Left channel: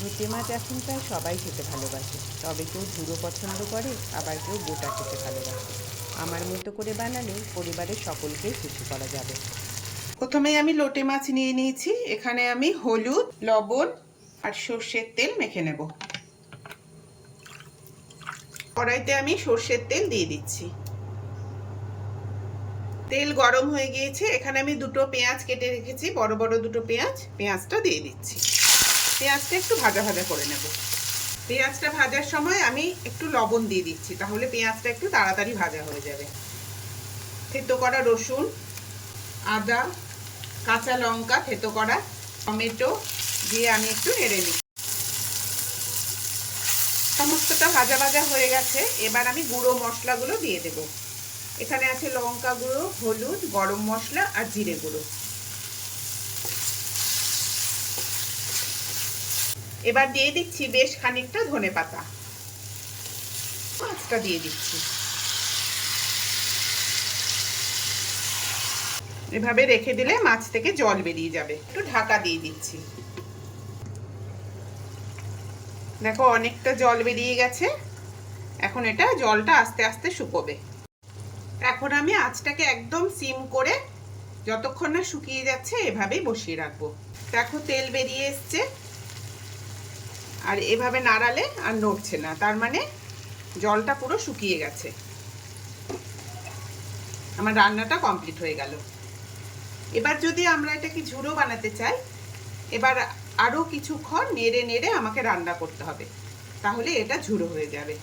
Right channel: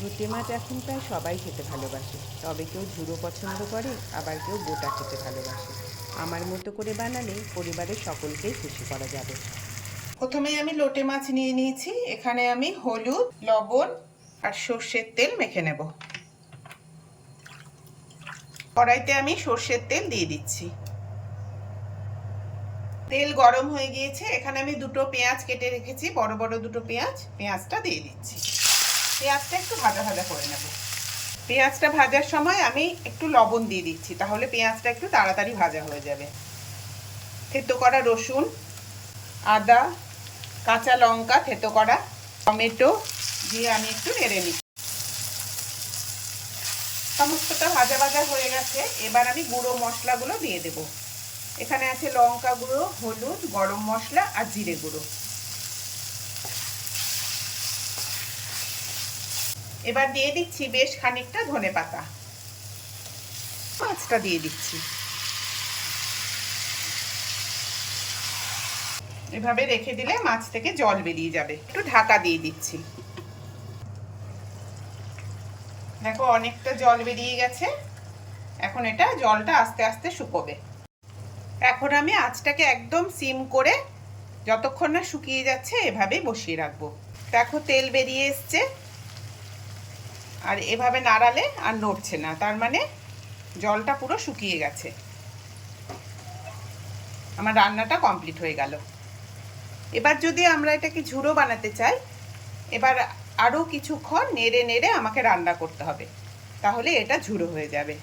লোটে মাছ এখন প্রায় সবাই খেতে ভালোবাসে, তবে কেউ ঝুড়ো পছন্দ করে, আবার কেউ গোটা খেতে ভালোবাসে। আমার মতো করে বানালে পরিবারের সকলকেই খুশি করা যাবে। প্রথমেই আমি লোটে মাছ নিয়ে নিয়েছি। এখানে আমি হলুদ, লবণ আর সর্ষের তেল মেখে নেব। কড়াইতে আমি সর্ষের তেল দিয়ে দিচ্ছি। তেল গরম হয়ে গিয়েছে। এখানে আমি দুটো পেঁয়াজ কেটে রেখেছি, বড় বড় দুটো পেঁয়াজ। পেঁয়াজটা দিয়ে দিচ্ছি। পেঁয়াজটা একটু ভাজা ভাজা করে নেব। পেঁয়াজটা ভাজার সময় আমি একটু লবণ দিয়ে দিচ্ছি, তাহলে পেঁয়াজটা একটু তাড়াতাড়ি ভাজা হয়ে যাবে। থেতো করা রসুন, আদা, কাঁচা লঙ্কা থেতো করা, টমেটো দিয়ে আমি একটু নেড়ে নিই। সমস্তটা ভাজা ভাজা হয়ে গেছে। এবার আমি গুঁড়ো মশলাগুলো দিয়ে দেব। এখানে আছে লঙ্কা গুঁড়ো, হলুদ, গরম মশলা আর জিরে গুঁড়ো। এবার দিয়ে দিচ্ছি বেশ খানিকটা ধনেপাতা। মাছটা দিয়ে দিচ্ছি। এভাবে রেখে দিলে মাছ থেকে জল বেরিয়ে যাবে। একটু ঢাকা দিয়ে দিচ্ছি। দেখো অনেকটা জল বেরিয়ে গেছে। এখন এটা জলটা আস্তে আস্তে শুকোবে। এখন আমি আঁচটাকে একদম সিম করে যতক্ষণ না শুকিয়ে যাচ্ছে এভাবেই বসিয়ে রাখবো। দেখো তেল বেরিয়ে এসছে, আর এভাবে নাড়ালে আর নড়ছে না, তার মানে জলটা পুরো শুকিয়ে গেছে। আমার রান্নাটা কমপ্লিট হয়ে গেল। এবার যদি আমরা এটাকে ঝুড়ো বানাতে চাই, এবার আরও কিছুক্ষণ নেড়ে নেড়ে আমাকে রান্না করতে হবে, তাহলে এটা ঝুড়ো হয়ে যাবে।